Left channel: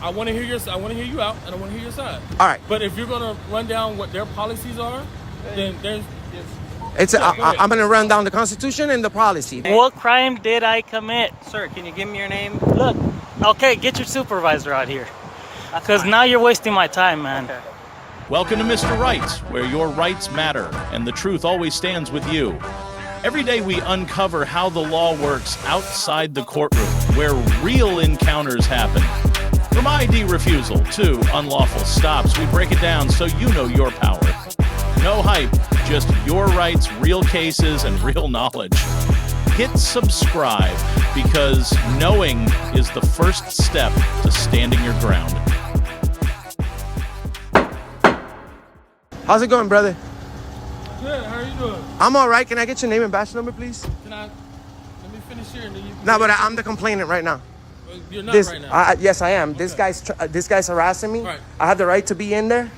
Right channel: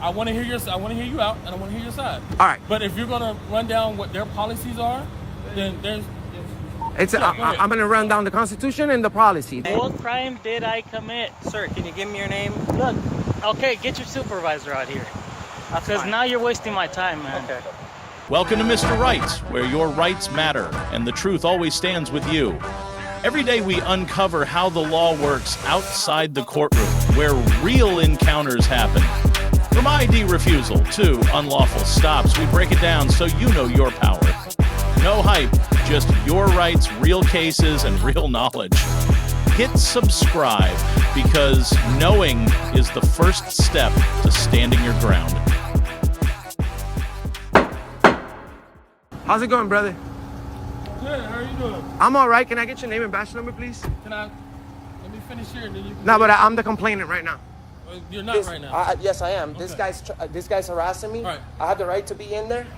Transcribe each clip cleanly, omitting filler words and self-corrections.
I want to hear you out, and I want to hear your side. All right. But if you're gonna run down what their policies are, then there's. I'm gonna run down the Constitution and the policy. What crime did I commit? Sir, can you give me your name? Look, okay, get your supervisor out here. Because now you're wasting my time, man. Okay. Welcome to Mr. Rights, where your rights matter and the truth always stands with you. Every day we uncover how the law works outside the courtroom, where real encounters happen. From ID refusal to unlawful stops, we break it down so you know your power. No hype, just your rights, real cases, and real knowledge. Hit subscribe, because knowing is the first step to standing your ground. How's it going, brother? Good. How are you doing? I'm all right. Can I get your name and badge number, please? Let me finish here, and then you can. No, but I'm the complainant right now. You're not right now. Yes, I am. Okay. This guy's harassing me. All right. I have the right to be in there.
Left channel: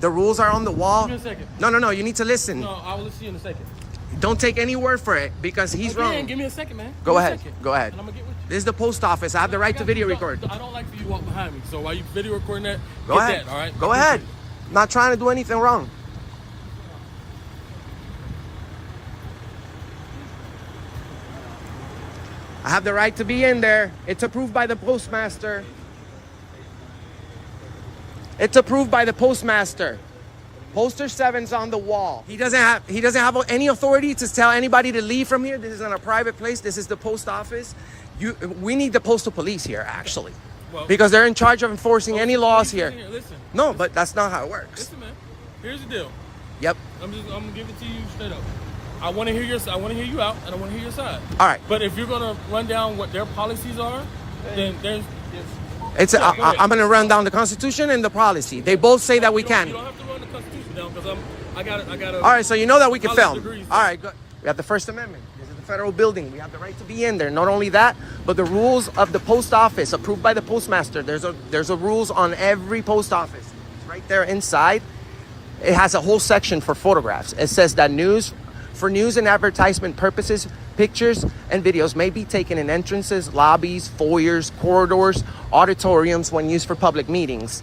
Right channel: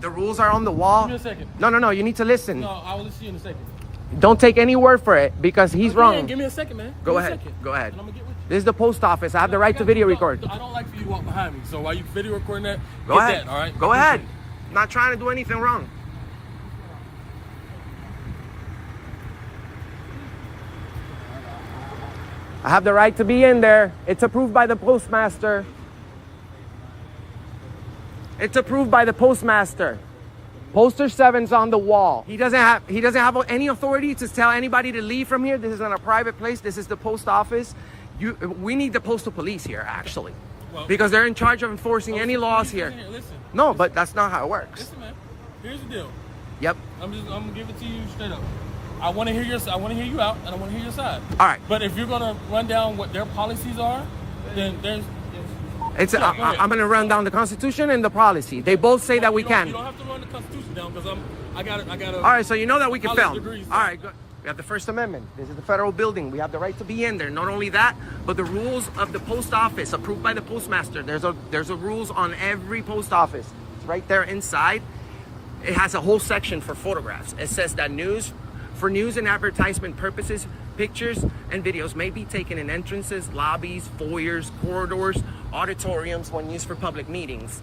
The rules are on the wall. Give me a second. No. You need to listen. No, I will listen to you in a second. Don't take any word for it because he's wrong. Give me a second, man. Go ahead. Go ahead. And I'm gonna get with you. This is the post office. I have the right to video record. I don't like for you to walk behind me. So while you video recording that, Go get ahead. that, all right? Go ahead. I'm not trying to do anything wrong. I have the right to be in there. It's approved by the postmaster. It's approved by the postmaster. Poster 7's on the wall. He doesn't have any authority to tell anybody to leave from here. This is not a private place. This is the post office. We need the postal police here, actually, because they're in charge of enforcing any laws here. Listen. No, but that's not how it works. Listen, man. Here's the deal. Yep. I'm gonna give it to you straight up. I want to hear you out, and I want to hear your side. All right. But if you're gonna run down what their policies are, then there's. I'm gonna run down the Constitution and the policy. They both say that we can. You don't have to run the Constitution down because I got All right, so you know that we can film. Degrees, all right, good. We have the First Amendment. This is the federal building. We have the right to be in there. Not only that, but the rules of the post office approved by the postmaster. There's a rules on every post office. It's right there inside. It has a whole section for photographs. It says that for news and advertisement purposes, pictures and videos may be taken in entrances, lobbies, foyers, corridors, auditoriums when used for public meetings.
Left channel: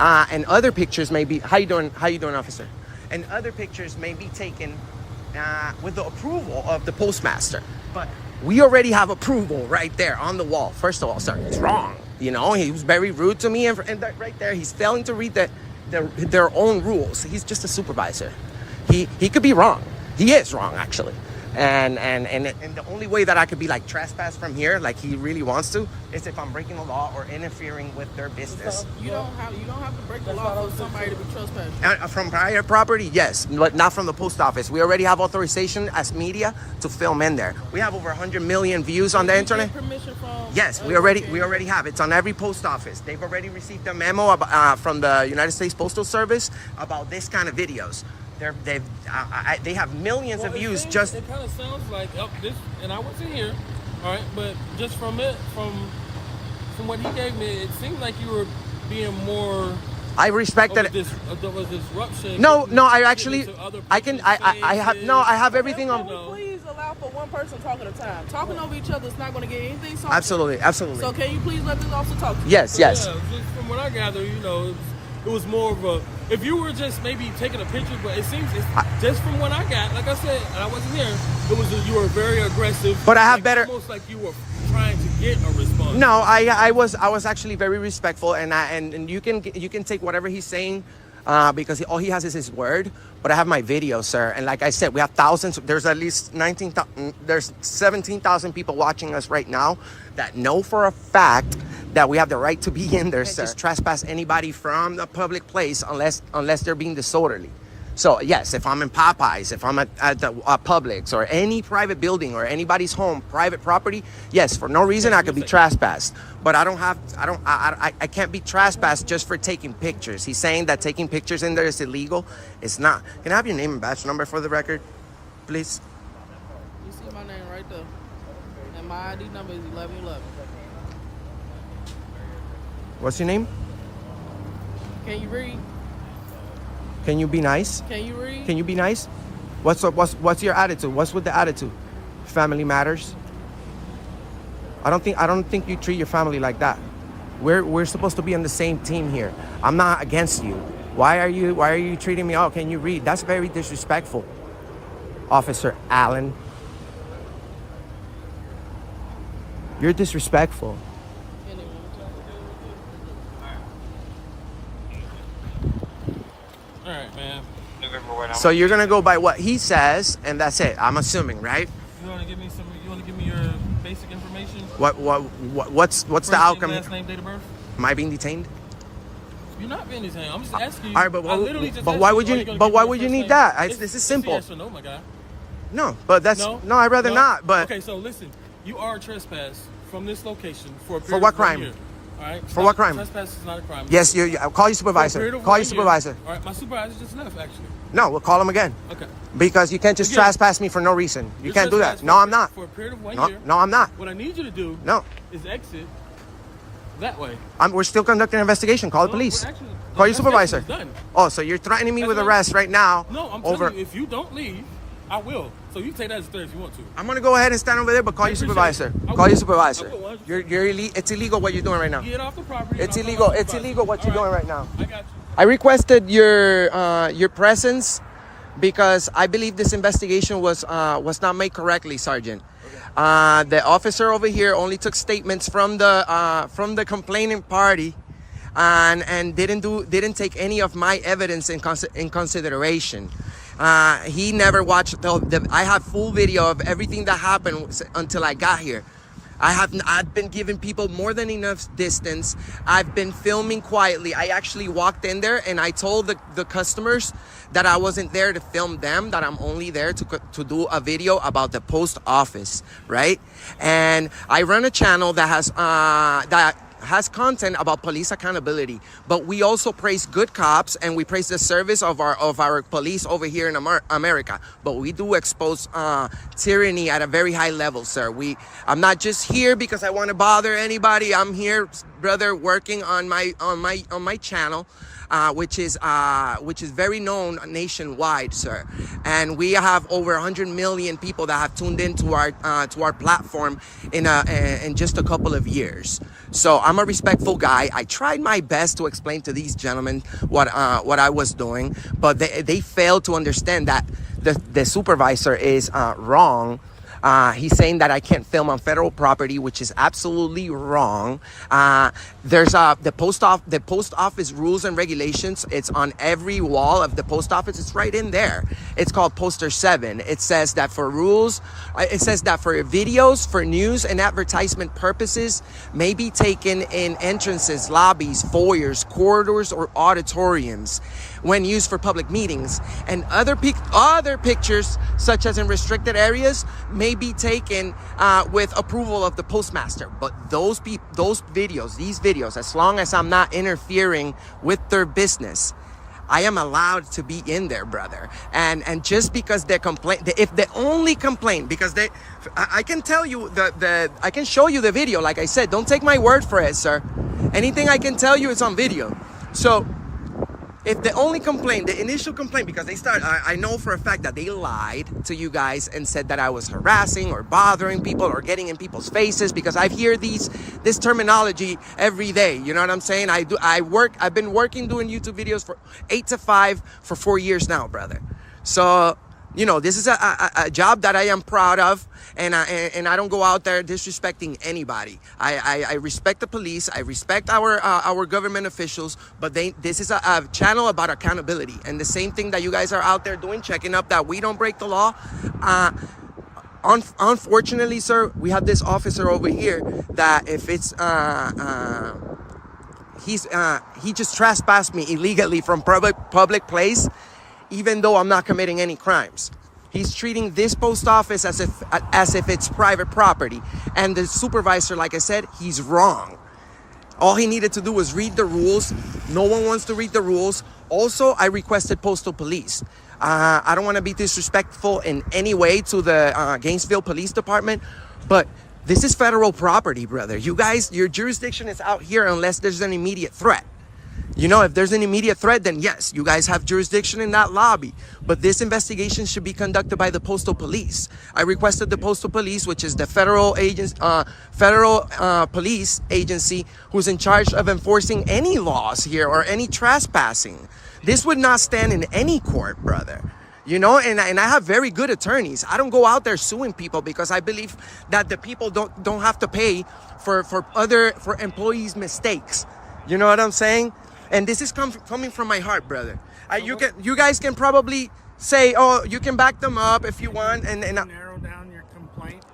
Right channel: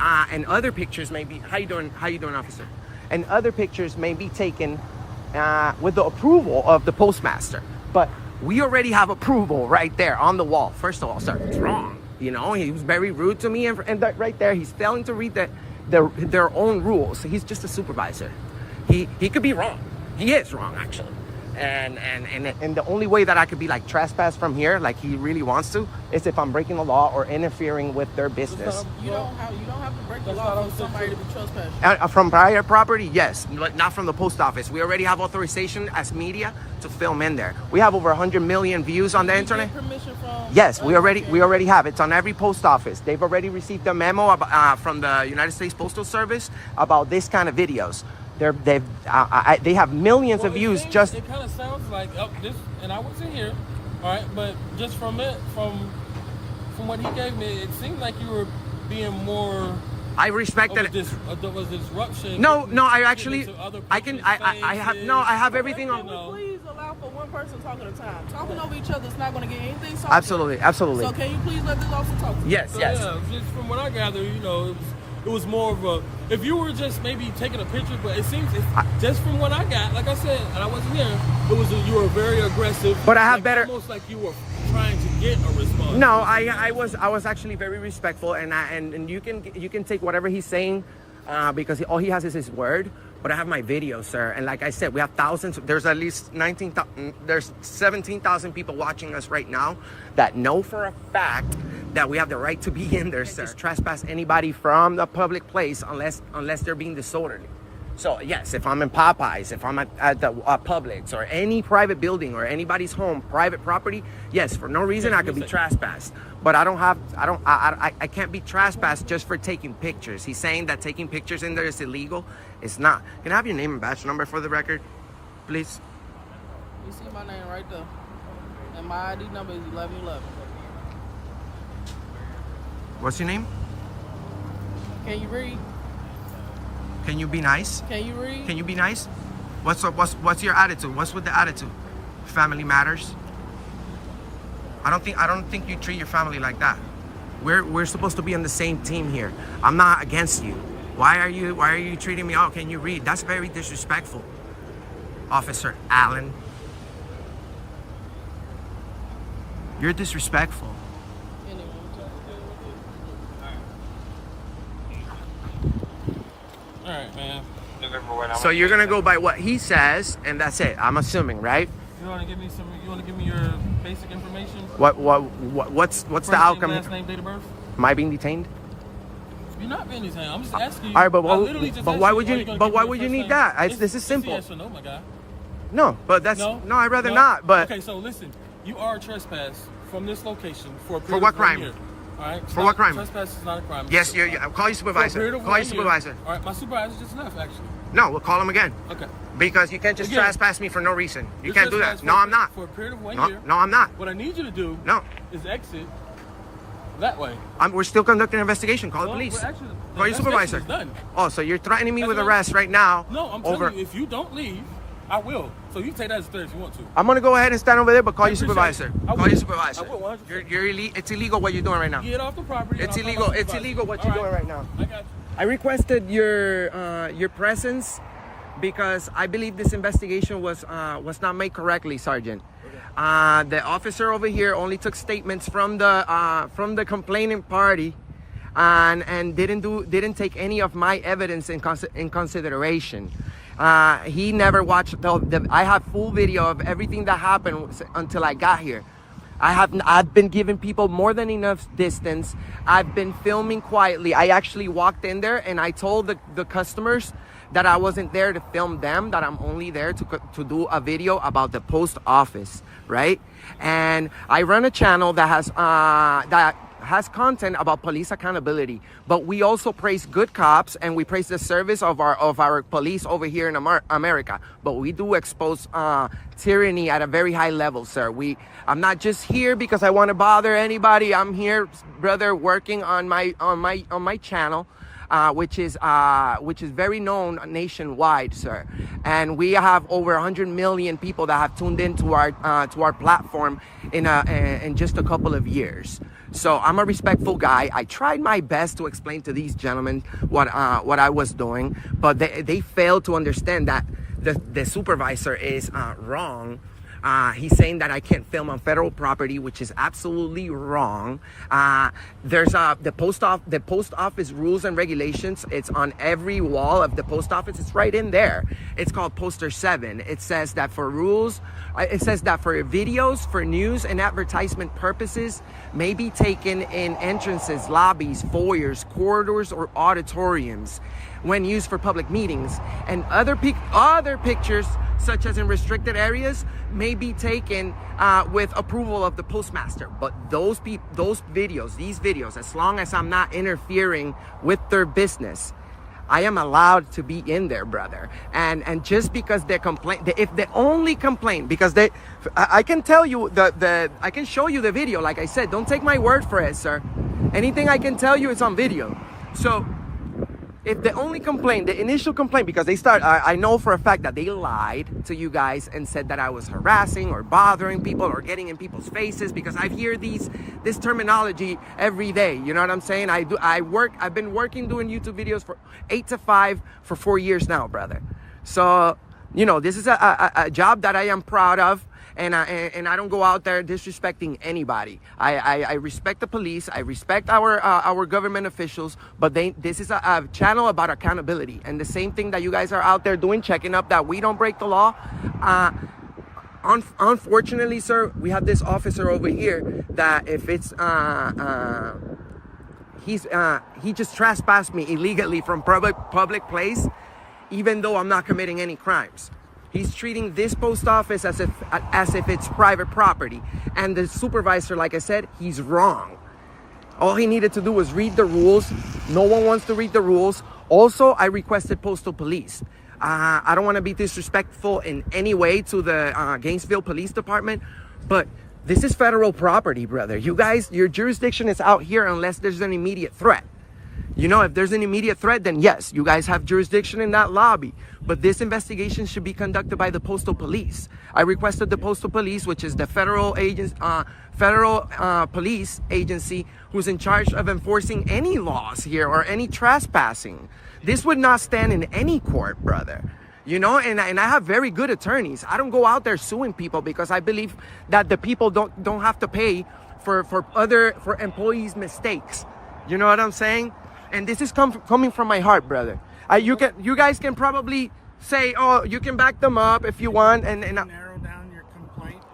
And other pictures may be, how you doing, officer? And other pictures may be taken with the approval of the postmaster. But we already have approval right there on the wall. First of all, sir, it's wrong. You know, he was very rude to me, and that right there, he's failing to read their own rules. He's just a supervisor. He could be wrong. He is wrong, actually. And the only way that I could be like trespass from here, like he really wants to, is if I'm breaking the law or interfering with their business. You don't have to break the law for somebody to be trespassing. From private property, yes, but not from the post office. We already have authorization as media to film in there. We have over 100 million views on the internet. Permission from? Yes, we already have. It's on every post office. They've already received a memo from the United States Postal Service about this kind of videos. They have millions of views. It kind of sounds like this, and I wasn't here, all right. But just from what he gave me, it seemed like you were being more. I respect that. Was disruption? No. I have everything on. Please allow for one person talking at a time. Talking over each other is not going to get anything solved. Absolutely. So can you please let this officer talk to you? Yes. Yeah, just from what I gather, it was more of a, if you were just maybe taking a picture, but it seems just from what I got, like I said, and I wasn't here, you were very aggressive. But I have better, almost like you were trying to get a response. No, I was actually very respectful, and you can take whatever he's saying, because all he has is his word. But I have my video, sir, and like I said, we have thousands. There's at least 17,000 people watching us right now that know for a fact that we have the right to be in there, sir. Just trespass anybody from the public place unless they're being disorderly. So yes, if I'm in Popeyes, if I'm at the Publix or any private building or anybody's home, private property, yes, for no reason I could be trespassed. But I can't be trespassed just for taking pictures. He's saying that taking pictures in there is illegal. It's not. Can I have your name and badge number for the record, please? You see my name right there, and my ID number is 1111. What's your name? Can you read? Can you be nice? Can you read? Can you be nice? What's your attitude? What's with the attitude? Family matters. I don't think you treat your family like that. We're supposed to be on the same team here. I'm not against you. Why are you treating me? Oh, can you read? That's very disrespectful, Officer Allen. You're disrespectful. Anyway, All right, man. So you're gonna go by what he says, and that's it. I'm assuming, right? You want to give me some? You want to give me your basic information? What's First the outcome? Name, last name, date of birth. Am I being detained? You're not being detained. I'm just asking you. All right, but I literally just asked why you, would are you? gonna But give why me would your you first need name? that? This is simple. Yes or no, my guy. No, but that's No? no. I'd rather No? not. But okay, so listen. You are trespassed from this location for a period For what of 1 crime? year. All right. It's For not- what crime? Trespass is not a crime. yes, It's you not. call your For a supervisor. period of Call your 1 year. supervisor. All right, my supervisor just left actually. No, we'll call him again. Okay. Because you can't just Again, trespass me for no reason. You You're can't do that. trespassed No, for a I'm not. For a period of 1 No, year. no, I'm not. What I need you to do No, is exit that way. we're still conducting an investigation. Call the No, police. we're actually- the Call your supervisor. investigation is done. Oh, so you're threatening me That's with what arrest right now? No, I'm over. telling you, if you don't leave, I will. So you take that as a threat if you want to. I'm gonna go ahead and stand over there, but call I your appreciate supervisor. it. I Call will. your supervisor. I will, 100%. It's illegal what you're doing right now. Get off the property. and It's I'll call illegal. my It's supervisor. illegal what All you're doing right now. I got you. I requested your presence because I believe this investigation was not made correctly, Sergeant. The officer over here only took statements from the complaining party, and didn't take any of my evidence in consideration. He never watched I have full video of everything that happened until I got here. I've been giving people more than enough distance. I've been filming quietly. I actually walked in there and I told the customers that I wasn't there to film them, that I'm only there to do a video about the post office, right? And I run a channel that has content about police accountability, but we also praise good cops and we praise the service of our police over here in America. But we do expose tyranny at a very high level, sir. I'm not just here because I want to bother anybody. I'm here, brother, working on my channel. Which is very known nationwide, sir, and we have over 100 million people that have tuned into our platform in just a couple of years. So I'm a respectful guy. I tried my best to explain to these gentlemen what I was doing, but they failed to understand that the supervisor is wrong. He's saying that I can't film on federal property, which is absolutely wrong. There's the post office rules and regulations. It's on every wall of the post office. It's right in there. It's called Poster 7. It says that for videos, for news and advertisement purposes may be taken in entrances, lobbies, foyers, corridors, or auditoriums when used for public meetings, and other pictures such as in restricted areas may be taken with approval of the postmaster. But these videos, as long as I'm not interfering with their business, I am allowed to be in there, brother. And just because they complain, if they only complain because I can tell you I can show you the video. Like I said, don't take my word for it, sir. Anything I can tell you is on video. So if the only complaint, the initial complaint, because I know for a fact that they lied to you guys and said that I was harassing or bothering people or getting in people's faces, because I hear this terminology every day. You know what I'm saying? I've been working doing YouTube videos for 8 to 5 for 4 years now, brother. So, you know, this is a job that I am proud of, and I don't go out there disrespecting anybody. I respect the police. I respect our government officials, but this is a channel about accountability, and the same thing that you guys are out there doing, checking up that we don't break the law. Unfortunately, sir, we have this officer over here that if it's he just trespassed me illegally from public place, even though I'm not committing any crimes. He's treating this post office as if it's private property. And the supervisor, like I said, he's wrong. All he needed to do was read the rules. No one wants to read the rules. Also, I requested postal police. I don't want to be disrespectful in any way to the Gainesville Police Department, but this is federal property, brother. You guys, your jurisdiction is out here unless there's an immediate threat. You know, if there's an immediate threat, then yes, you guys have jurisdiction in that lobby. But this investigation should be conducted by the Postal Police. I requested the Postal Police, which is the federal police agency who's in charge of enforcing any laws here or any trespassing. This would not stand in any court, brother. You know, and I have very good attorneys. I don't go out there suing people because I believe that the people don't have to pay for employees' mistakes. You know what I'm saying? And this is coming from my heart, brother. You guys can probably say, oh, you can back them up if you want, and narrow down your complaint.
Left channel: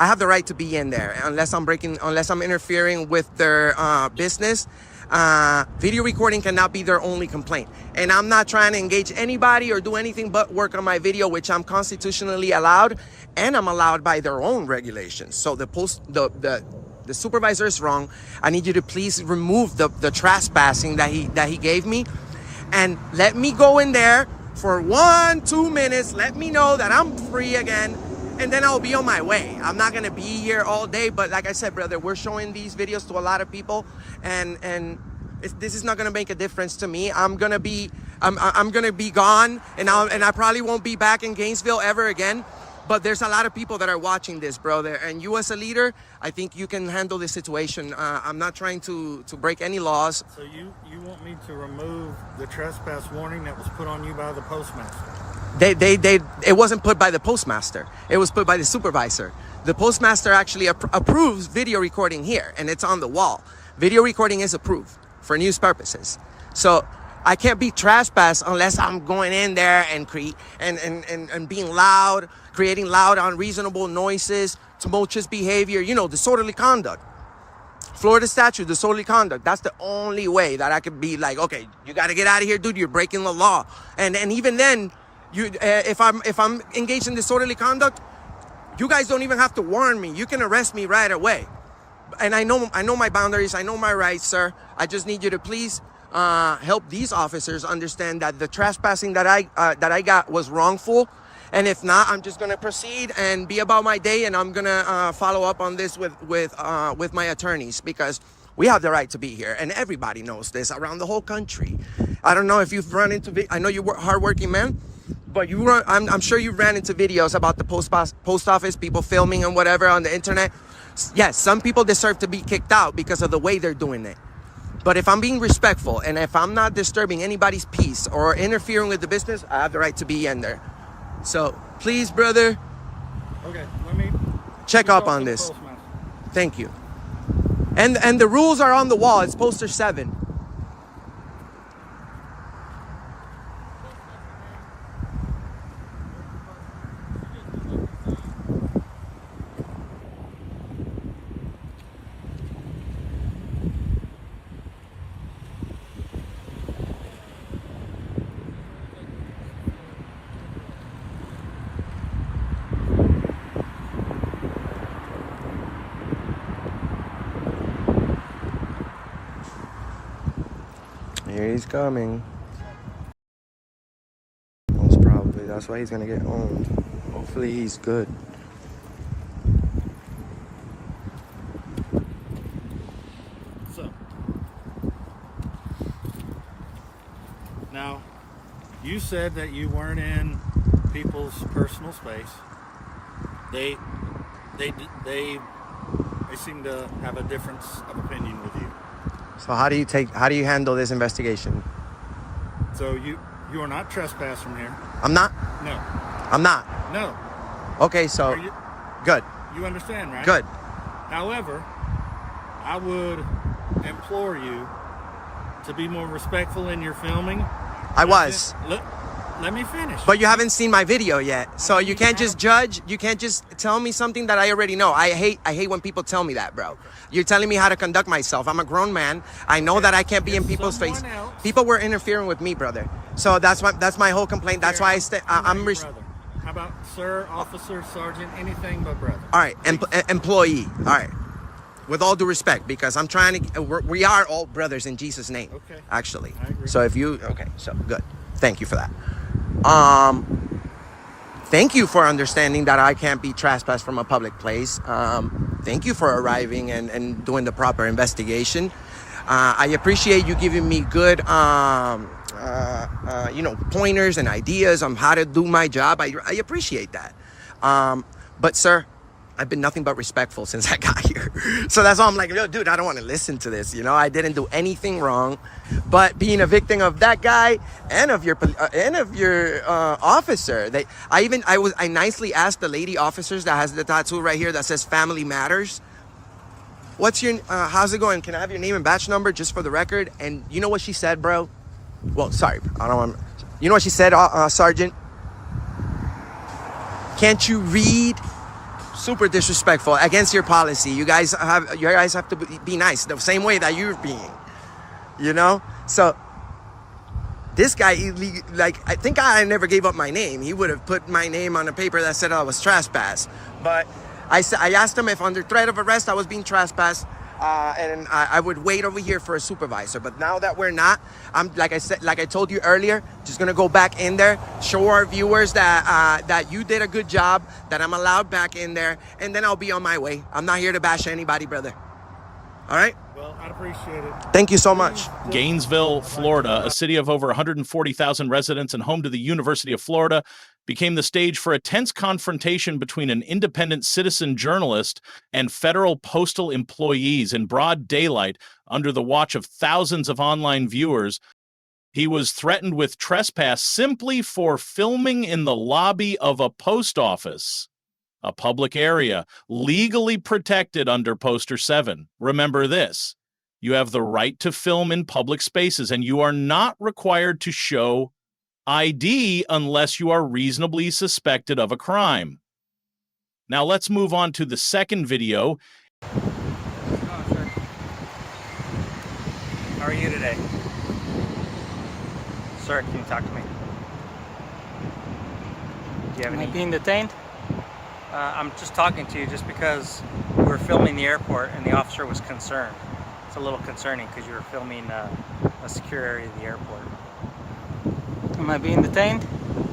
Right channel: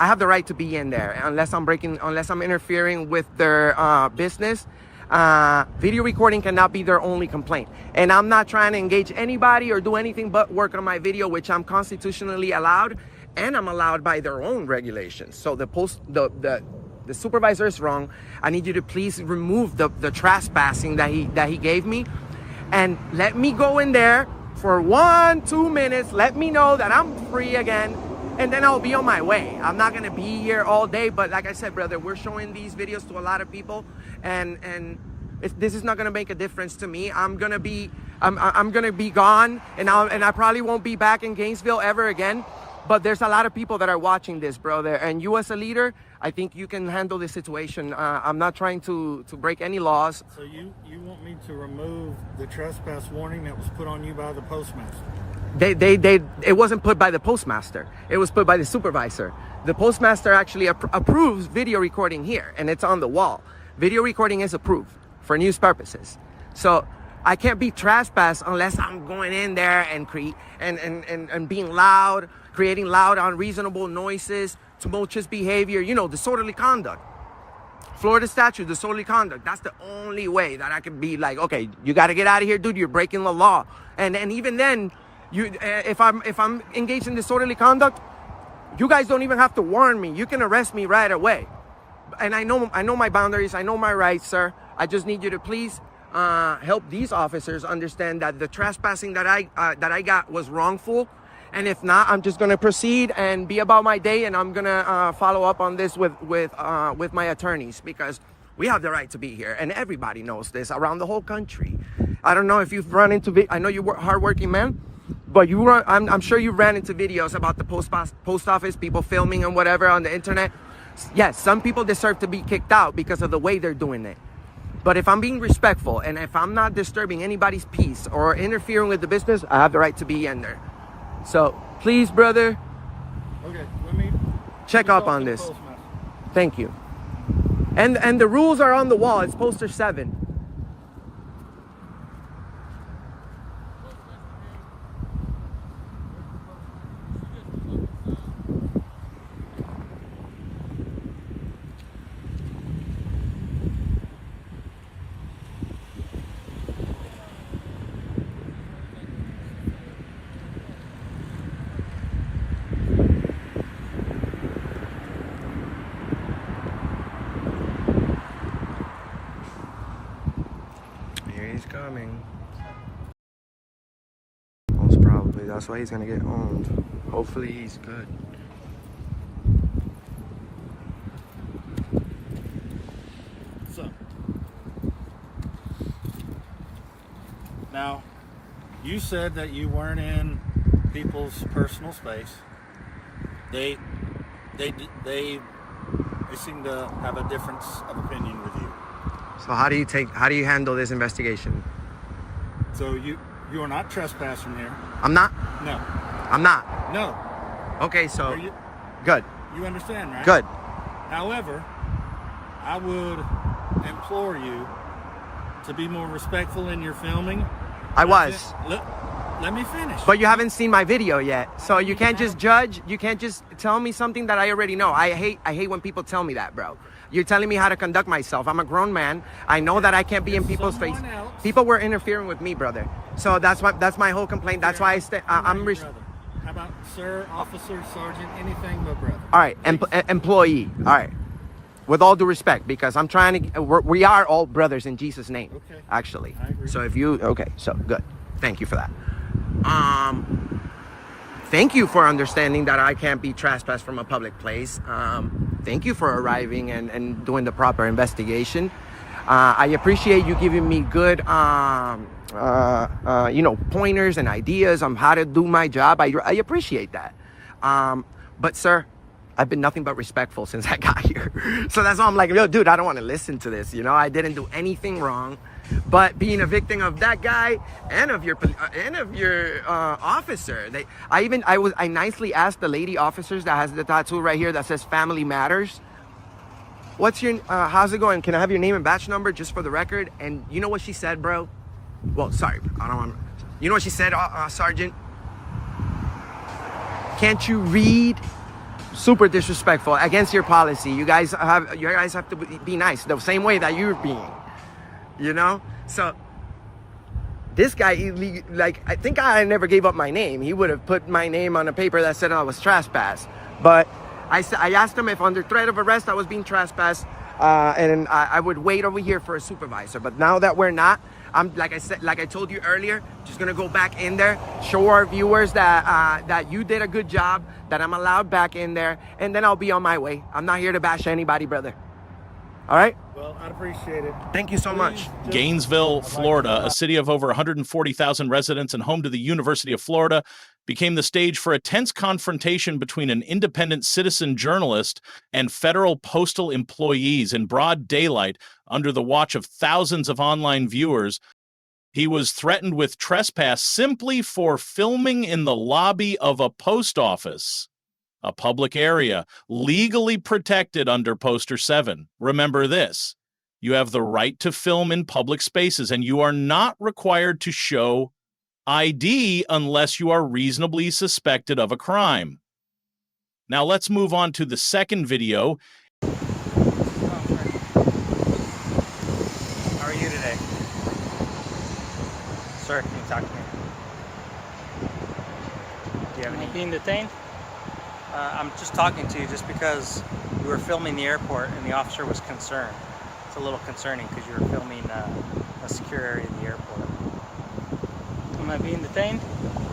I have the right to be in there unless I'm interfering with their business. Video recording cannot be their only complaint. And I'm not trying to engage anybody or do anything but work on my video, which I'm constitutionally allowed, and I'm allowed by their own regulations. So the supervisor is wrong. I need you to please remove the trespassing that he gave me, and let me go in there for 1-2 minutes. Let me know that I'm free again, and then I'll be on my way. I'm not gonna be here all day, but like I said, brother, we're showing these videos to a lot of people, and this is not gonna make a difference to me. I'm gonna be gone, and I probably won't be back in Gainesville ever again. But there's a lot of people that are watching this, brother. And you as a leader, I think you can handle this situation. I'm not trying to break any laws. So you want me to remove the trespass warning that was put on you by the postmaster? It wasn't put by the postmaster. It was put by the supervisor. The postmaster actually approves video recording here, and it's on the wall. Video recording is approved for news purposes. So I can't be trespassed unless I'm going in there and being loud, creating loud, unreasonable noises, tumultuous behavior, you know, disorderly conduct. Florida statute, disorderly conduct. That's the only way that I could be like, okay, you got to get out of here, dude. You're breaking the law. And even then, if I'm engaged in disorderly conduct, you guys don't even have to warn me. You can arrest me right away. And I know my boundaries. I know my rights, sir. I just need you to please help these officers understand that the trespassing that I got was wrongful, and if not, I'm just gonna proceed and be about my day, and I'm gonna follow up on this with my attorneys, because we have the right to be here, and everybody knows this around the whole country. I don't know if you've run into I know you're a hardworking man, but I'm sure you ran into videos about the post office, people filming and whatever on the internet. Yes, some people deserve to be kicked out because of the way they're doing it. But if I'm being respectful and if I'm not disturbing anybody's peace or interfering with the business, I have the right to be in there. So please, brother, okay, let me check up on this. Thank you. And the rules are on the wall. It's poster 7. Here he's coming. Most probably. That's why he's gonna get owned. Hopefully he's good. So, now, you said that you weren't in people's personal space. They seem to have a difference of opinion with you. So how do you handle this investigation? So you are not trespassed from here. I'm not? No. I'm not? No. Okay, so good. You understand, right? Good. However, I would implore you to be more respectful in your filming. I was. Let me finish. But you haven't seen my video yet. So you can't just judge. You can't just tell me something that I already know. I hate when people tell me that, bro. You're telling me how to conduct myself. I'm a grown man. I know that I can't be in people's face. People were interfering with me, brother. So that's my whole complaint. That's why I'm brother. How about sir, officer, sergeant, anything but brother? All right, employee. All right. With all due respect, because I'm trying to, we are all brothers in Jesus' name. Okay. Actually. I agree. So so good. Thank you for that. Thank you for understanding that I can't be trespassed from a public place. Thank you for arriving and doing the proper investigation. I appreciate you giving me good, pointers and ideas on how to do my job. I appreciate that. But sir, I've been nothing but respectful since I got here. So that's why I'm like, yo, dude, I don't want to listen to this. I didn't do anything wrong, but being a victim of that guy and of your officer, I nicely asked the lady officers that has the tattoo right here that says "Family Matters." What's your, how's it going? Can I have your name and badge number just for the record? And you know what she said, bro? Well, sorry, I don't want. You know what she said, Sergeant? Can't you read? Super disrespectful, against your policy. You guys have to be nice the same way that you're being, so this guy, I think I never gave up my name. He would have put my name on a paper that said I was trespassed, but I asked him if under threat of arrest I was being trespassed, and I would wait over here for a supervisor. But now that we're not, I'm like I told you earlier, just gonna go back in there, show our viewers that you did a good job, that I'm allowed back in there, and then I'll be on my way. I'm not here to bash anybody, brother. All right? Well, I'd appreciate it. Thank you so much. Gainesville, Florida, a city of over 140,000 residents and home to the University of Florida, became the stage for a tense confrontation between an independent citizen journalist and federal postal employees in broad daylight under the watch of thousands of online viewers. He was threatened with trespass simply for filming in the lobby of a post office, a public area legally protected under Poster 7. Remember this: you have the right to film in public spaces, and you are not required to show ID unless you are reasonably suspected of a crime. Now let's move on to the second video. How are you today? Sir, can you talk to me? Do you have any? Being detained? I'm just talking to you just because we were filming the airport and the officer was concerned. It's a little concerning because you were filming a secure area of the airport. Am I being detained?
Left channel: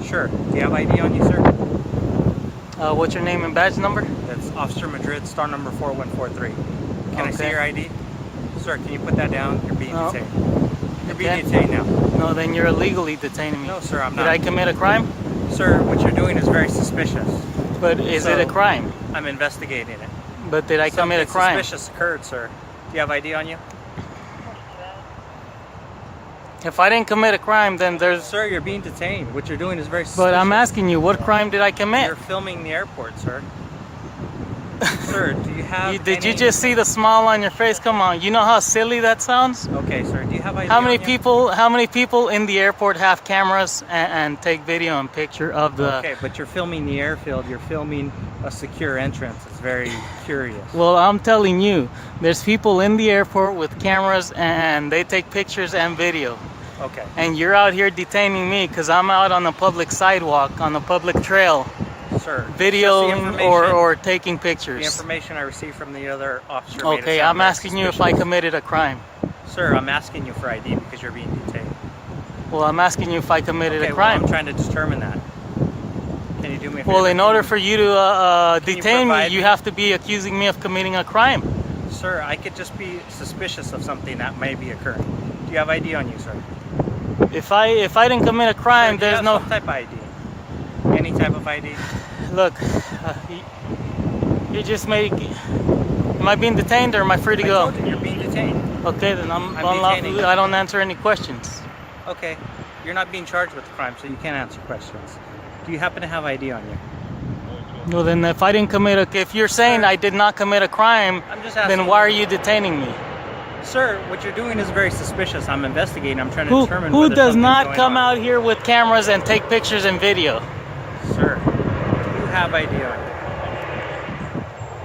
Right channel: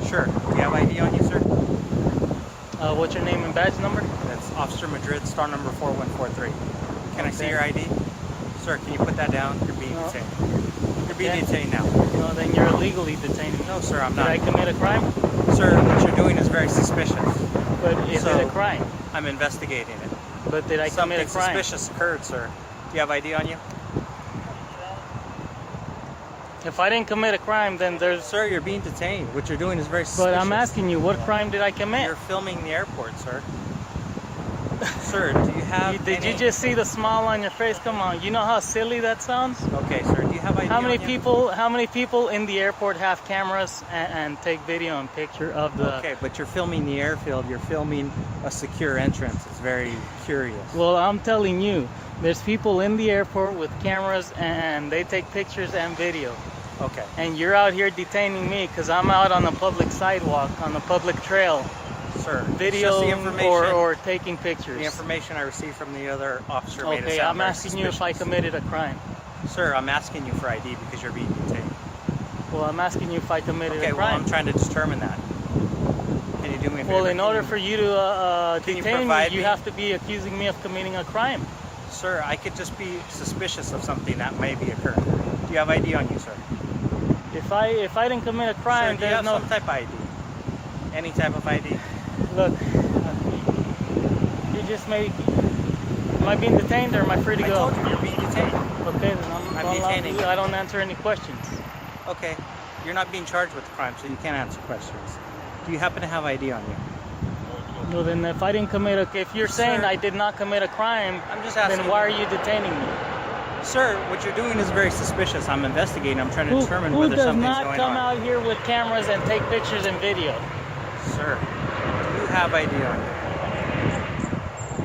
Sure. Do you have ID on you, sir? What's your name and badge number? That's Officer Madrid, star number 4143. Can I see your ID? Sir, can you put that down? You're being detained. You're being detained now. No, then you're illegally detaining me. No, sir, I'm not. Did I commit a crime? Sir, what you're doing is very suspicious. But is it a crime? I'm investigating it. But did I commit a crime? Something suspicious occurred, sir. Do you have ID on you? If I didn't commit a crime, then there's... Sir, you're being detained. What you're doing is very suspicious. But I'm asking you, what crime did I commit? You're filming the airport, sir. Sir, do you have Did you just see the smile on your face? Come on, you know how silly that sounds? Okay, sir, do you have ID on you? How many people in the airport have cameras and take video and picture of the... Okay, but you're filming the airfield. You're filming a secure entrance. It's very curious. Well, I'm telling you, there's people in the airport with cameras and they take pictures and video. Okay. And you're out here detaining me because I'm out on the public sidewalk, on the public trail. Sir, videoing or taking pictures. The information I received from the other officer made it sound very I'm asking you if I committed a crime. Sir, I'm asking you for ID because you're being detained. Well, I'm asking you if I committed a crime. Well, I'm trying to determine that. Can you do me a favor? Well, in order for you to detain me, you have to be accusing me of committing a crime. Sir, I could just be suspicious of something that may be occurring. Do you have ID on you, sir? If I didn't commit a crime, sir, there's no... some type of ID. Any type of ID? Look, you just make... Am I being detained or am I free to go? I told you you're being detained. Okay, then I'm unlawful. I don't answer any questions. Okay, you're not being charged with the crime, so you can't answer questions. Do you happen to have ID on you? Well, then if I didn't commit a... If you're saying I did not commit a crime, I'm just asking, then why are you detaining me? Sir, what you're doing is very suspicious. I'm investigating. I'm trying to determine whether something's going on. Who does not come out here with cameras and take pictures and video? Sir, do you have ID on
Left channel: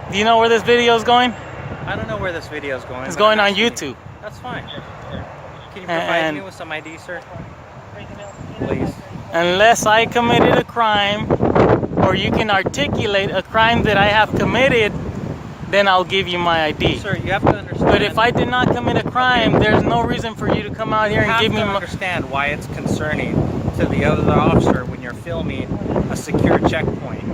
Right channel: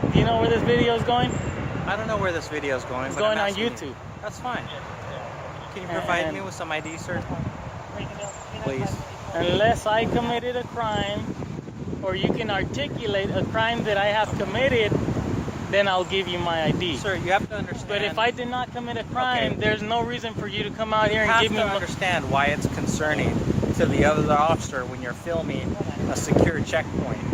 you? Do you know where this video is going? I don't know where this video is going. It's going on YouTube. That's fine. Can you provide me with some ID, sir? Please. Unless I committed a crime, or you can articulate a crime that I have committed, then I'll give you my ID. Sir, you have to understand. But if I did not commit a crime, there's no reason for you to come out here and give me... You have to understand why it's concerning to the other officer when you're filming a secure checkpoint.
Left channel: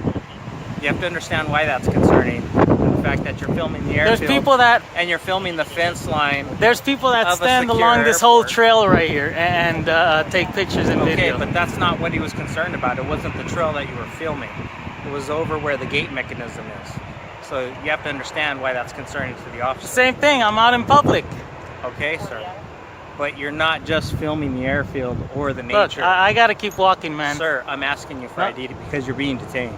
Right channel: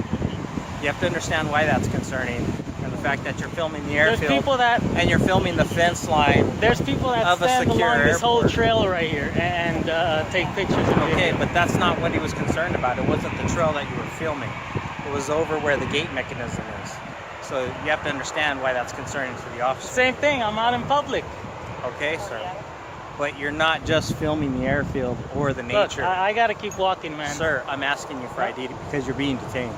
You have to understand why that's concerning. And the the fact that you're filming the There's airfield. people that and you're filming the fence line. There's people that of a stand secure along this whole airport. trail right here and take pictures and Okay, video. but that's not what he was concerned about. It wasn't the trail that you were filming. It was over where the gate mechanism is. So you have to understand why that's concerning to the officer. Same thing. I'm out in public. Okay, sir. But you're not just filming the airfield or the Look, nature. I gotta keep walking, man. Sir, I'm asking you for ID because you're being detained.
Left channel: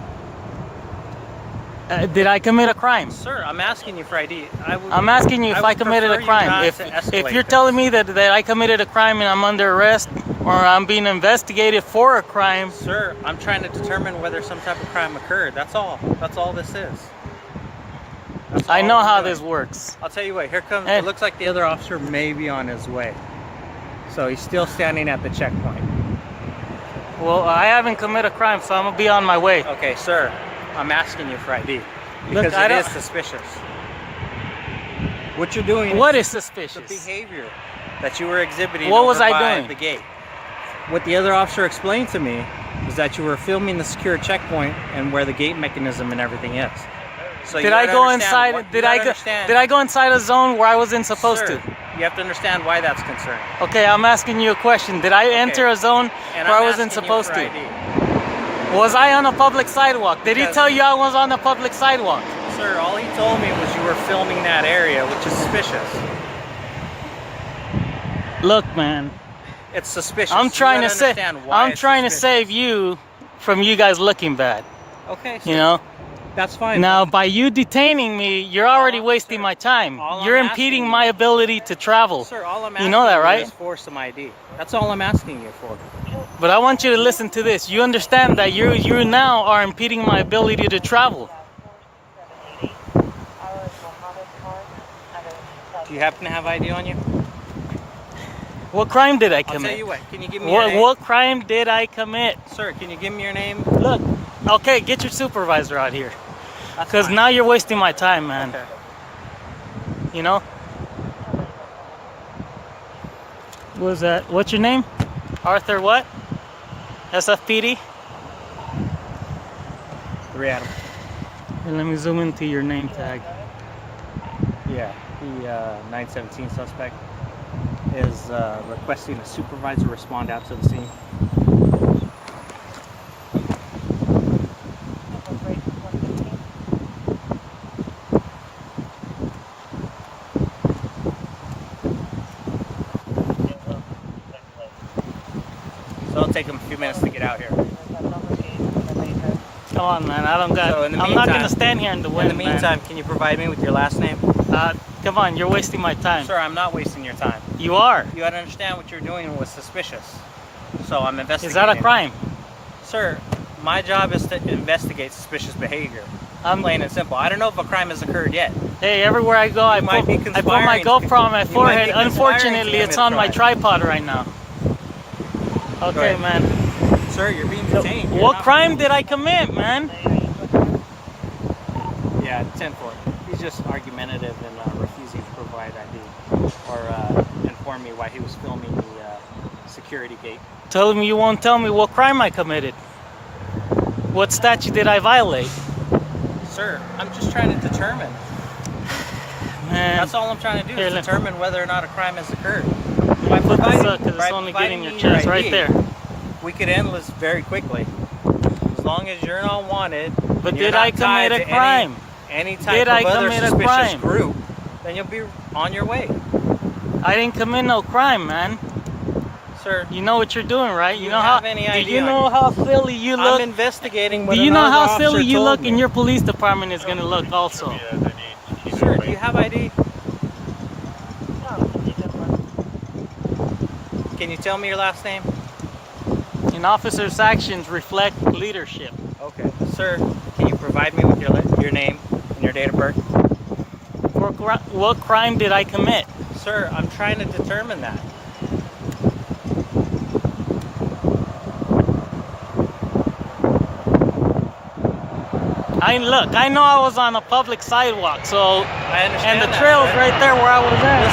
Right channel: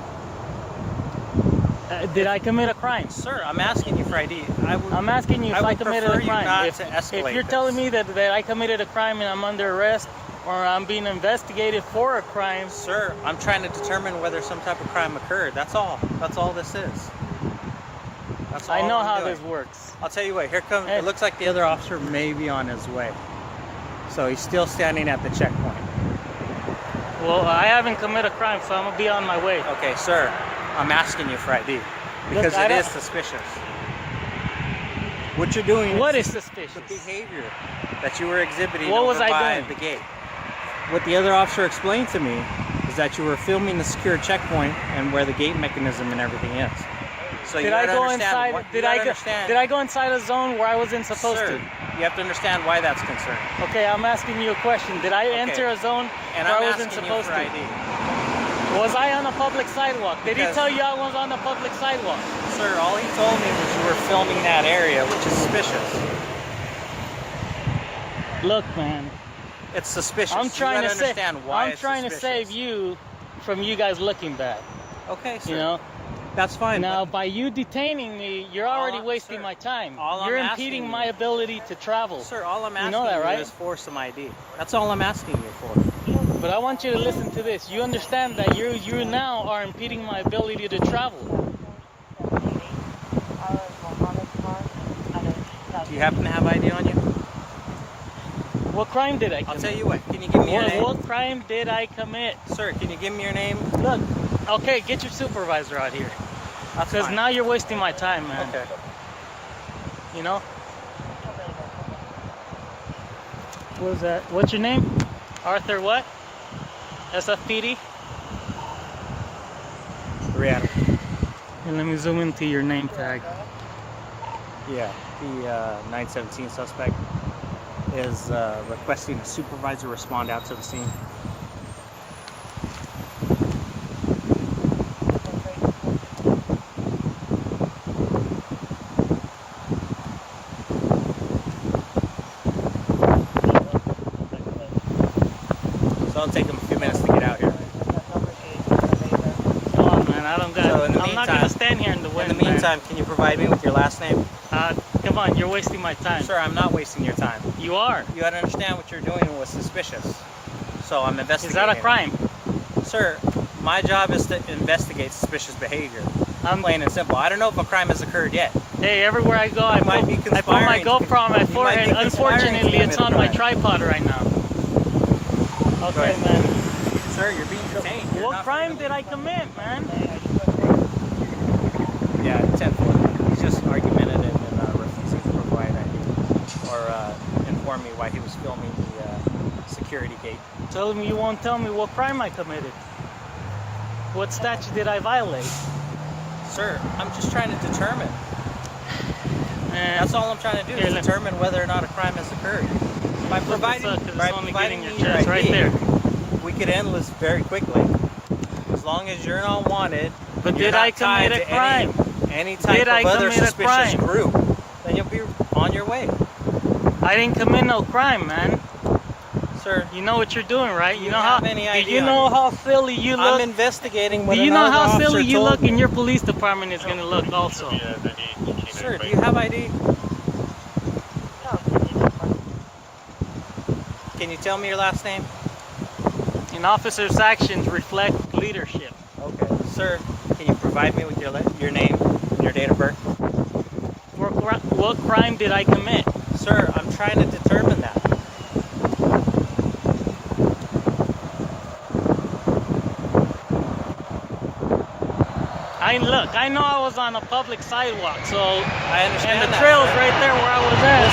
Did I commit a crime? Sir, I'm asking you for ID. I'm asking you if I committed a crime. If you're telling me that I committed a crime and I'm under arrest or I'm being investigated for a crime. Sir, I'm trying to determine whether some type of crime occurred. That's all. That's all this is. That's all I know I'm how doing. this works. I'll tell you what, here comes, Hey. it looks like the other officer may be on his way. So he's still standing at the checkpoint. Well, I haven't committed a crime, so I'm gonna be on my way. Okay, sir, I'm asking you for ID because Look, it is suspicious. What you're doing What is the suspicious? behavior that you were exhibiting What was over I by doing? the gate. What the other officer explained to me is that you were filming the secure checkpoint and where the gate mechanism and everything is. So Did I go inside? Did I go inside a zone where I wasn't supposed to? You have to understand why that's concerning. Okay, I'm asking you a question. Did I enter a zone And where I'm I wasn't asking supposed you for to? ID. Was I on a public sidewalk? Did he Because- tell you I was on a public sidewalk? Sir, all he told me was you were filming that area, which is suspicious. Look, man, It's suspicious. I'm You trying to gotta save. understand why I'm it's trying to suspicious. save you from you guys looking bad. Okay, sir. You know. That's fine. Now, by you detaining me, you're already wasting sir, my time. all I'm You're asking impeding you- my ability to travel. Sir, all I'm You asking know that, you right? is for some ID. That's all I'm asking you for. But I want you to listen to this. You understand that you now are impeding my ability to travel. Do you happen to have ID on you? What crime did I I'll commit? tell you what. Can you give me your name? What crime did I commit? Sir, can you give me your name? Look, okay, get your supervisor out here. That's Because fine. now you're wasting my time, man. Okay. You know? What was that? What's your name? Arthur what? SFPD? Real. And let me zoom into your name tag. Yeah, the 917 suspect is requesting a supervisor respond out to the scene. So it'll take him a few minutes to get out here. Come on, man. I don't got. So in the I'm not gonna meantime- stand here in the wind. In the meantime, can you provide me with your last name? man. Come on, you're wasting my time. Sir, I'm not wasting your time. You are. You gotta understand what you're doing was suspicious. So I'm Is investigating. that a crime? Sir, my job is to investigate suspicious behavior. I'm Plain and simple. I don't know if a crime has occurred yet. Hey, everywhere I go, I might be put my conspiring. GoPro on my You might be forehead. conspiring to Unfortunately, it's commit a on my crime. tripod right now. Okay, ahead. man. Sir, you're being detained. You're What not- crime did I commit, man? Yeah, 10-4. He's just argumentative and refusing to provide ID or inform me why he was filming the security gate. Tell me you won't tell me what crime I committed. What statute did I violate? Sir, I'm just trying to determine. And That's all I'm trying to do Here, is let- determine whether or not a crime has occurred. By put this providing, up, 'cause it's by only providing getting me your your chest ID, right there. we could end this very quickly. As long as you're not wanted, But and you're did I not tied commit a to crime? any type Did of I other commit a suspicious crime? group, then you'll be on your way. I didn't commit no crime, man. Sir, You know what you're doing, right? Do you know have how any do idea you on know you? how silly you I'm look? investigating Do whether you or know not how the officer silly you told look me. and your police department is gonna look also? Sir, do you have ID? Can you tell me your last name? An officer's actions reflect leadership. Okay. Sir, can you provide me with your name and your date of birth? What crime did I commit? Sir, I'm trying to determine that. I know I was on a public sidewalk, so I understand and the that, trail's sir. right there where I was at.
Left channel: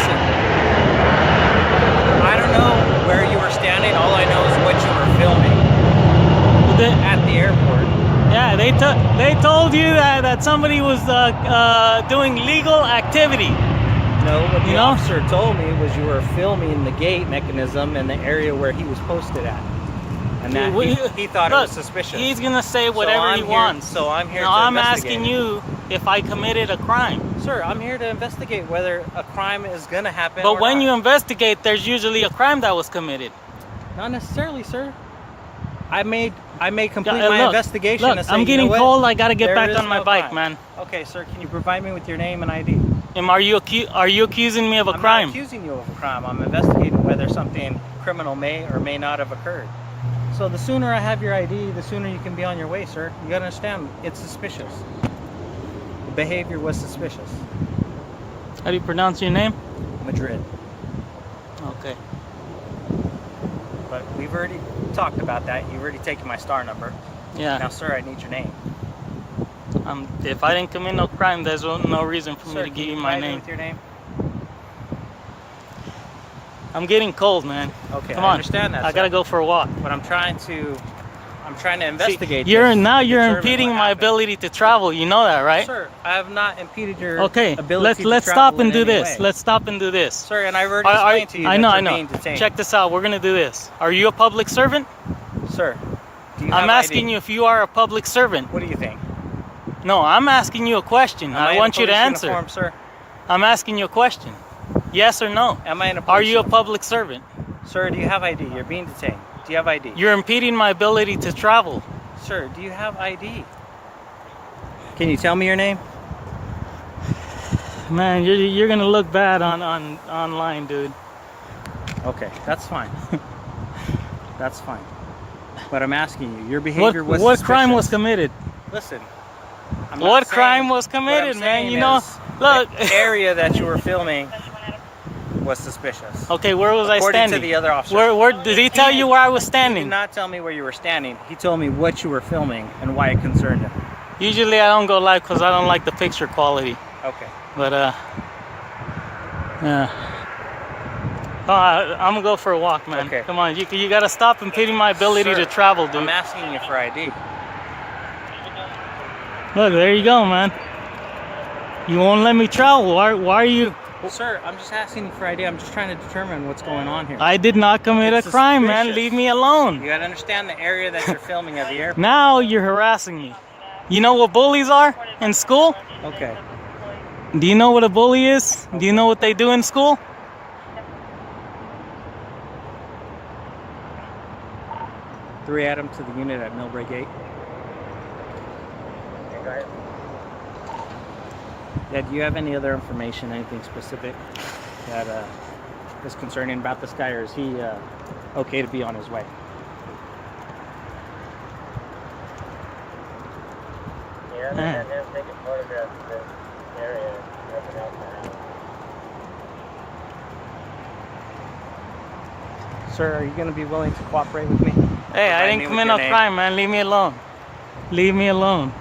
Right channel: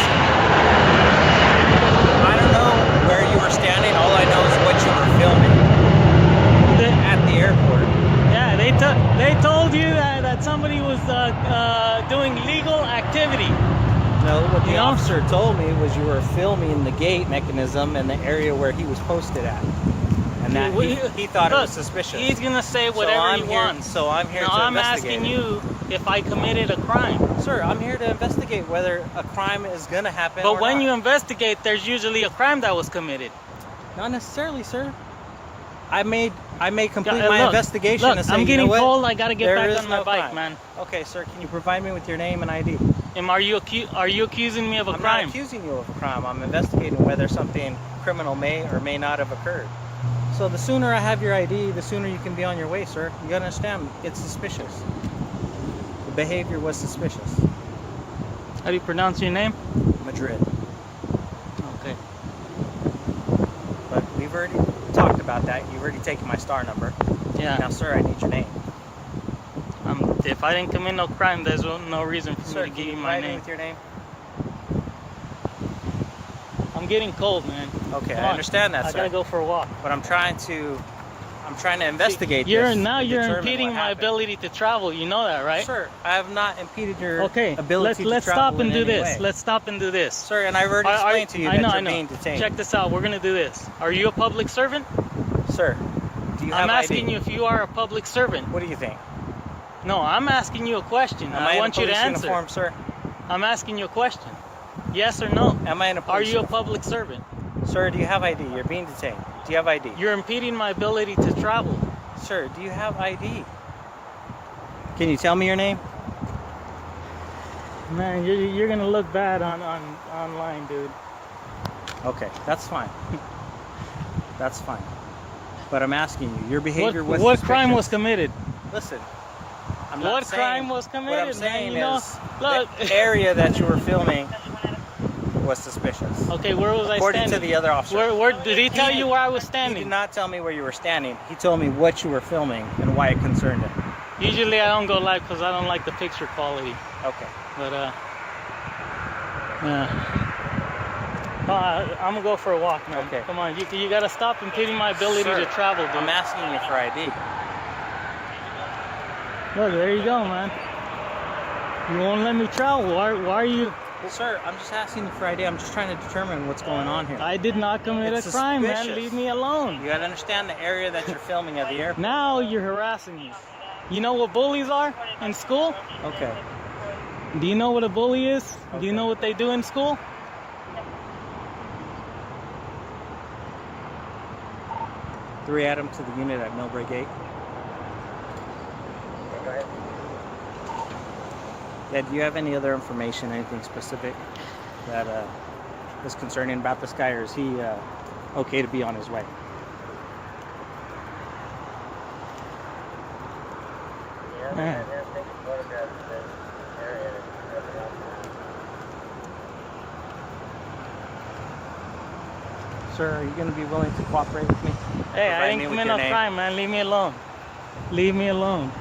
I don't know where you were standing. All I know is what you were filming at the airport. Yeah, they told you that somebody was doing legal activity. No, what the officer told me was you were filming the gate mechanism in the area where he was posted at. And that he thought it was suspicious. He's gonna say whatever he wants. So I'm here to investigate. I'm asking you if I committed a crime. Sir, I'm here to investigate whether a crime is gonna happen. But when you investigate, there's usually a crime that was committed. Not necessarily, sir. I may complete my investigation and say, I'm getting cold. I gotta get back on my bike, man. Okay, sir. Can you provide me with your name and ID? Are you accusing me of a crime? I'm not accusing you of a crime. I'm investigating whether something criminal may or may not have occurred. So the sooner I have your ID, the sooner you can be on your way, sir. You gotta understand, it's suspicious. The behavior was suspicious. How do you pronounce your name? Madrid. Okay. But we've already talked about that. You've already taken my star number. Yeah. Now, sir, I need your name. If I didn't commit no crime, there's no reason for me to give you my name. With your name? I'm getting cold, man. Okay, I understand that. I gotta go for a walk. But I'm trying to investigate. See, you're impeding my ability to travel. You know that, right? Sir, I have not impeded your ability to travel. Let's stop and do this. Let's stop and do this. Sir, and I've already explained to you that you're being detained. Check this out. We're gonna do this. Are you a public servant? Sir, do you have ID? I'm asking you if you are a public servant. What do you think? No, I'm asking you a question. I want you to answer. Uniform, sir? I'm asking you a question. Yes or no? Am I in a police uniform? Are you a public servant? Sir, do you have ID? You're being detained. Do you have ID? You're impeding my ability to travel. Sir, do you have ID? Can you tell me your name? Man, you're gonna look bad online, dude. Okay, that's fine. That's fine. But I'm asking you, your behavior was suspicious. What crime was committed? Listen, what crime was committed, man? You know, look, the area that you were filming was suspicious. Okay, where was I standing? According to the other officer. Where did he tell you where I was standing? He did not tell me where you were standing. He told me what you were filming and why it concerned him. Usually I don't go live because I don't like the picture quality. Okay. But yeah. I'm gonna go for a walk, man. Okay. Come on, you gotta stop impeding my ability to travel, dude. I'm asking you for ID. Look, there you go, man. You won't let me travel. Why are you? Sir, I'm just asking you for ID. I'm just trying to determine what's going on here. I did not commit a crime, man. Leave me alone. You gotta understand the area that you're filming at the airport. Now you're harassing me. You know what bullies are in school? Okay. Do you know what a bully is? Okay. Do you know what they do in school? Three Adam to the unit at Millbrae Gate. Okay, go ahead. Yeah, do you have any other information, anything specific that is concerning about this guy, or is he okay to be on his way? Yeah, I'm taking photographs of the area. Sir, are you going to be willing to cooperate with me? Hey, I didn't commit no crime, man. Leave me alone. Leave me alone.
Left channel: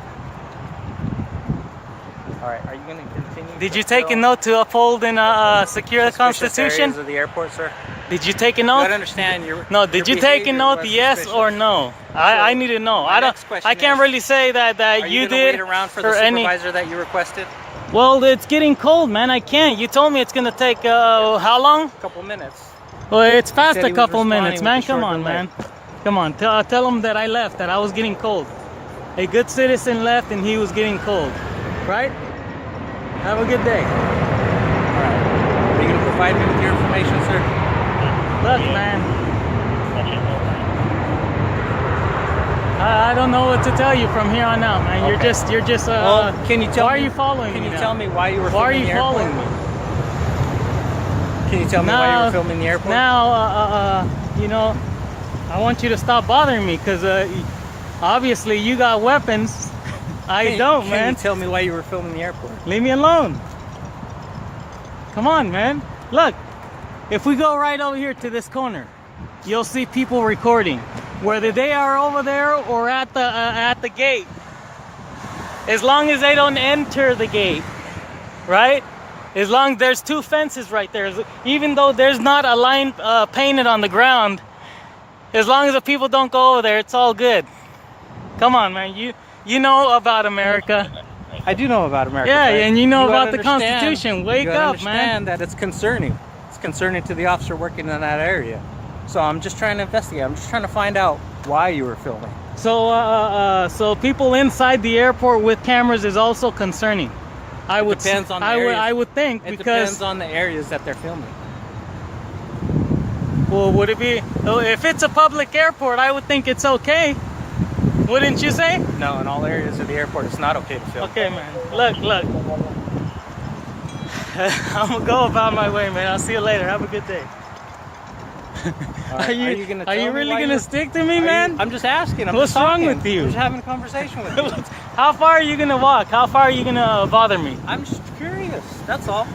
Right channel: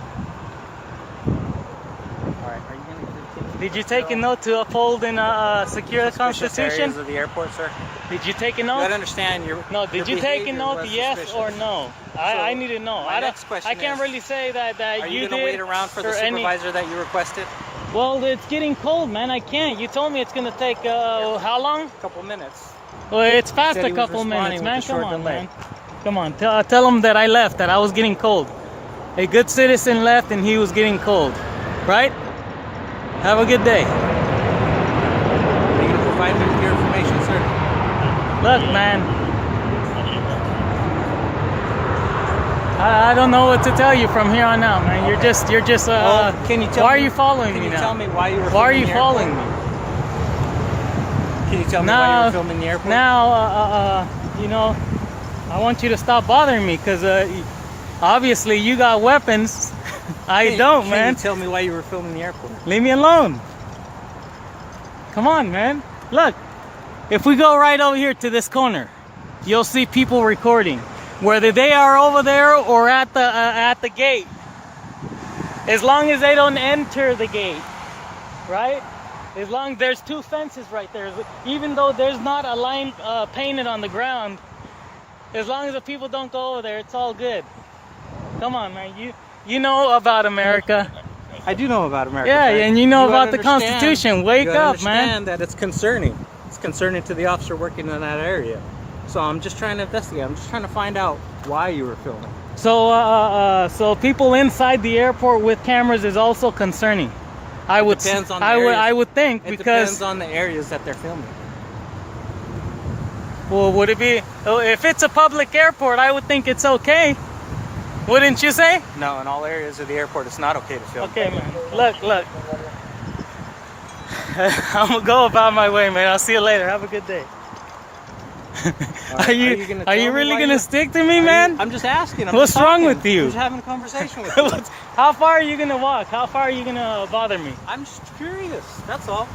Alright, are you going to continue? Did you take a note to uphold and secure the Constitution? Of the airport, sir? Did you take a note? I understand your. No, did you take a note? Yes or no? I need to know. I can't really say that you did. Are you wait around for the supervisor that you requested? Well, it's getting cold, man. I can't. You told me it's gonna take how long? A couple minutes. Well, it's past a couple minutes, man. Come on, man. Come on. Tell him that I left. That I was getting cold. A good citizen left, and he was getting cold. Right? Have a good day. All right. Are you gonna provide me with your information, sir? Look, man. I don't know what to tell you from here on out, man. Okay. You're just. Well, can you tell me? Why are you following me? Can you tell me why you were filming the airport? Why are you following me? Can you tell me why you were filming the airport? Now, you know, I want you to stop bothering me because obviously you got weapons. I don't, man. Can you tell me why you were filming the airport? Leave me alone. Come on, man. Look, if we go right over here to this corner, you'll see people recording, whether they are over there or at the gate. As long as they don't enter the gate, right? As long as there's two fences right there, even though there's not a line painted on the ground, as long as the people don't go over there, it's all good. Come on, man. You know about America. I do know about America. Yeah, right? and you know about the understand- Constitution. Wake you up, man. understand that it's concerning. It's concerning to the officer working in that area. So I'm just trying to investigate. I'm just trying to find out why you were filming. So, so people inside the airport with cameras is also concerning. I would depends on the I would think It because depends on the areas that they're filming. well, would it be if it's a public airport? I would think it's okay. Wouldn't you say? No, in all areas of the airport, it's not okay to film. Okay, man. Look. I'm gonna go about my way, man. I'll see you later. Have a good day. Are you really gonna stick to me, man? I'm just asking. What's wrong with you? I'm just having a conversation with you. How far are you gonna walk? How far are you gonna bother me? I'm just curious. That's all.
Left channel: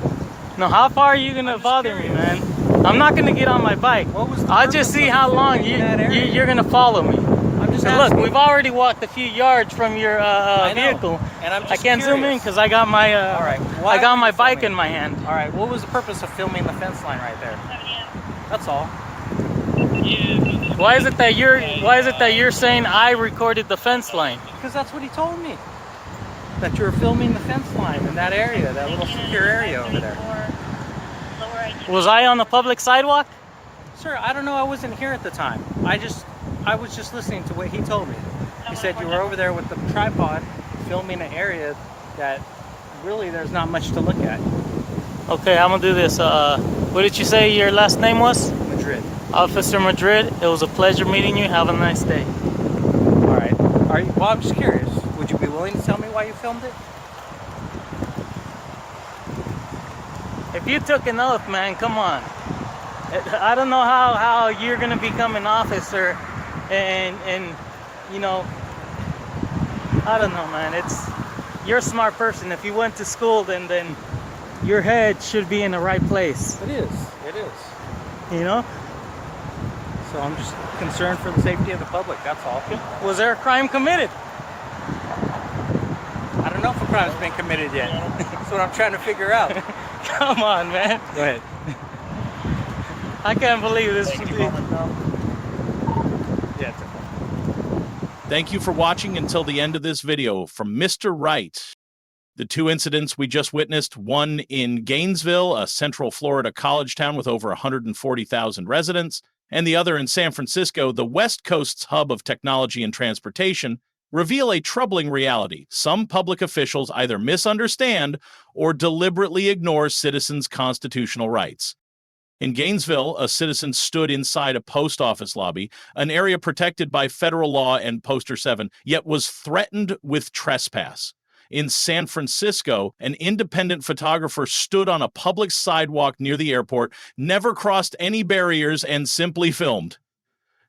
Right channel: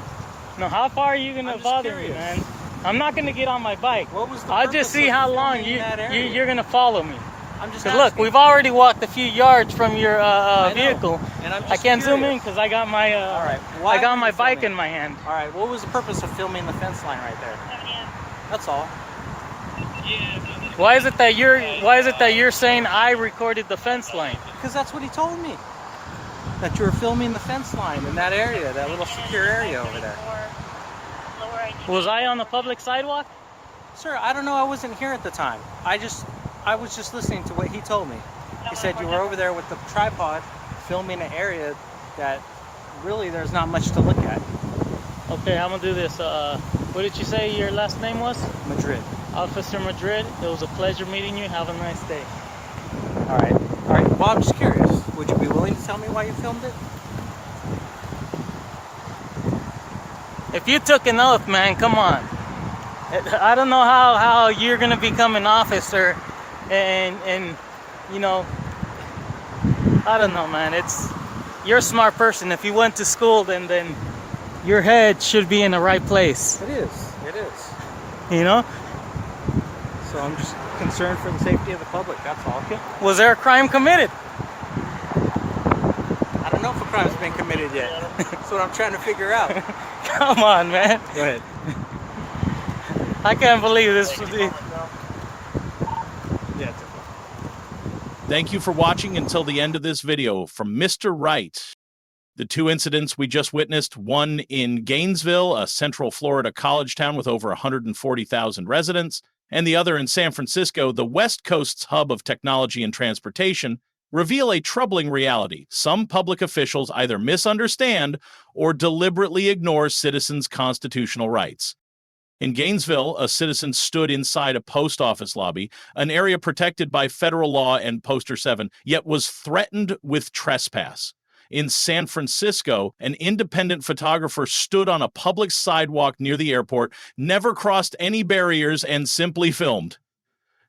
No, how far are you gonna bother me, man? I'm not gonna get on my bike. What was the I'll just purpose see of how long filming in that area? you're gonna follow me. I'm just So look, asking. we've already walked a few yards from your I know, vehicle. and I'm I just can't zoom in curious. because I got my All right. Why I got were my you bike filming? in my hand. All right. What was the purpose of filming the fence line right there? That's all. Why is it that you're saying I recorded the fence line? Because that's what he told me. That you were filming the fence line in that area, that little secure area over there. Was I on the public sidewalk? Sir, I don't know. I wasn't here at the time. I was just listening to what he told me. He said you were over there with the tripod filming an area that really there's not much to look at. Okay, I'm gonna do this. What did you say your last name was? Madrid. Officer Madrid. It was a pleasure meeting you. Have a nice day. All right. All right. Well, I'm just curious. Would you be willing to tell me why you filmed it? If you took an oath, man, come on. I don't know how you're gonna become an officer, and you know, I don't know, man. You're a smart person. If you went to school, then your head should be in the right place. It is. It is. You know? So I'm just concerned for the safety of the public. That's all. Was there a crime committed? I don't know if a crime's been committed yet. That's what I'm trying to figure out. Come on, man. Go ahead. I can't believe this. Yeah, it's okay. Thank you for watching until the end of this video from Mr. Right. The two incidents we just witnessed, one in Gainesville, a central Florida college town with over 140,000 residents, and the other in San Francisco, the West Coast's hub of technology and transportation, reveal a troubling reality. Some public officials either misunderstand or deliberately ignore citizens' constitutional rights. In Gainesville, a citizen stood inside a post office lobby, an area protected by federal law and Poster 7, yet was threatened with trespass. In San Francisco, an independent photographer stood on a public sidewalk near the airport, never crossed any barriers, and simply filmed.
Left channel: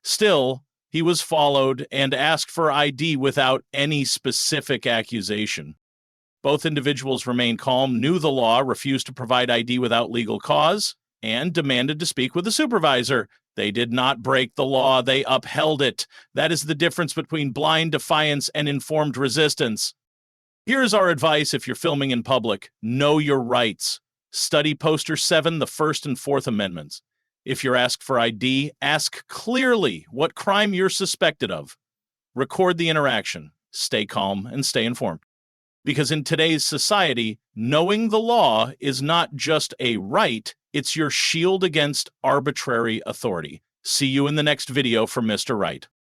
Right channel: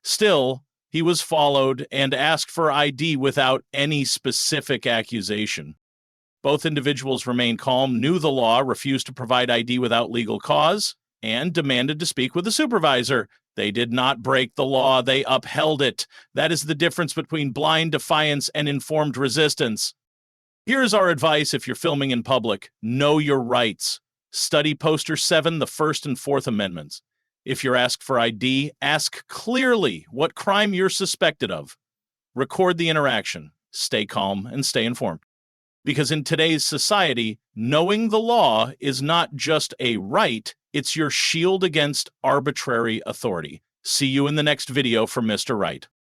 Still, he was followed and asked for ID without any specific accusation. Both individuals remained calm, knew the law, refused to provide ID without legal cause, and demanded to speak with a supervisor. They did not break the law, they upheld it. That is the difference between blind defiance and informed resistance. Here's our advice if you're filming in public. Know your rights. Study Poster 7, the First and Fourth Amendments. If you're asked for ID, ask clearly what crime you're suspected of. Record the interaction. Stay calm and stay informed. Because in today's society, knowing the law is not just a right, it's your shield against arbitrary authority. See you in the next video from Mr. Right.